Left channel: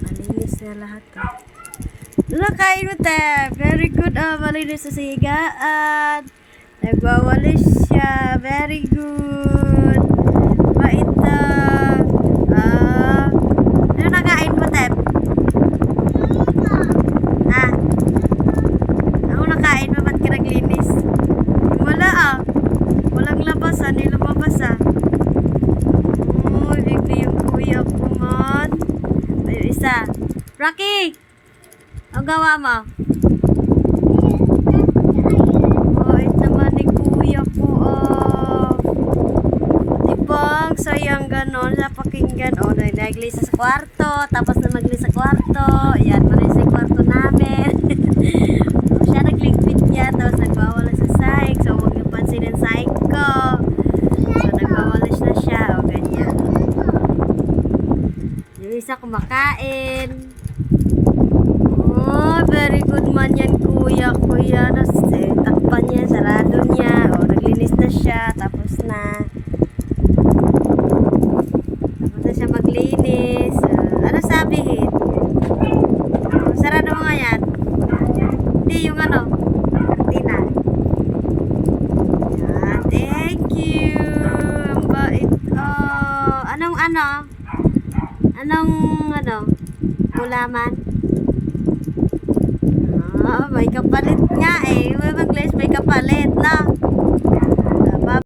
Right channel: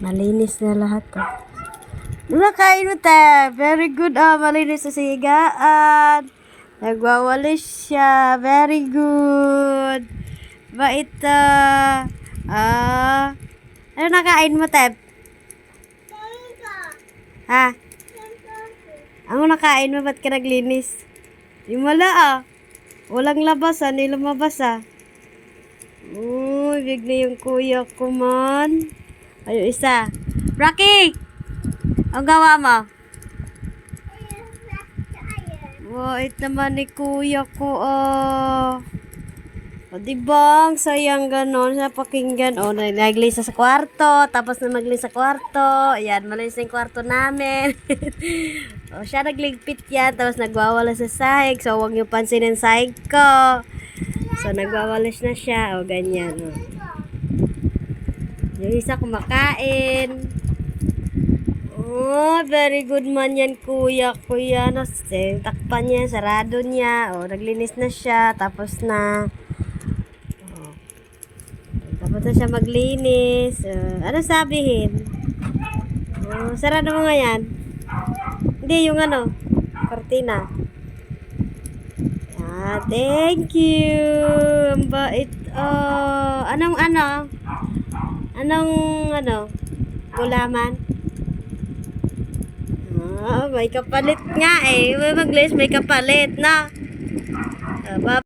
Malinis na lahat ah. Nakain mo te. Very good ah. Malinis sa sigaan. Nagwawalis siya. Very good. Bait ah. Ano nakain mo te? Ah. Ano nakain mo? Ba't ka naglinis? Wala ah. Walang labas ah. Hindi lumabas ah. Bigla yung kuya ko man. Ayun isa. Rocky! Ang gawa mo? Bait naman ni kuya ko ah. Diba? Ang sayang ganon sa pakinggan. O, naglinis sa kwarto. Tapos na maglinis sa kwarto. Ayan, malinis yung kwarto namin. O, siya nagligpit yan. Tapos nagwawala sa sahig. So, huwag niyo pansinin sahig ko. So, nagwawalis na siya. O, ganyan. Yung isa kumakain. Oh, very good man yan, kuya. Kuya, takpan niya, sarado niya. O, naglinis na siya. Tapos na siya maglinis. Ano sabihin? Sarado mo nga yan. Hindi, yung ano, kartina. Ah, thank you. Ang bait. Anong gulaman? May kapalit nga eh. May kapalit na.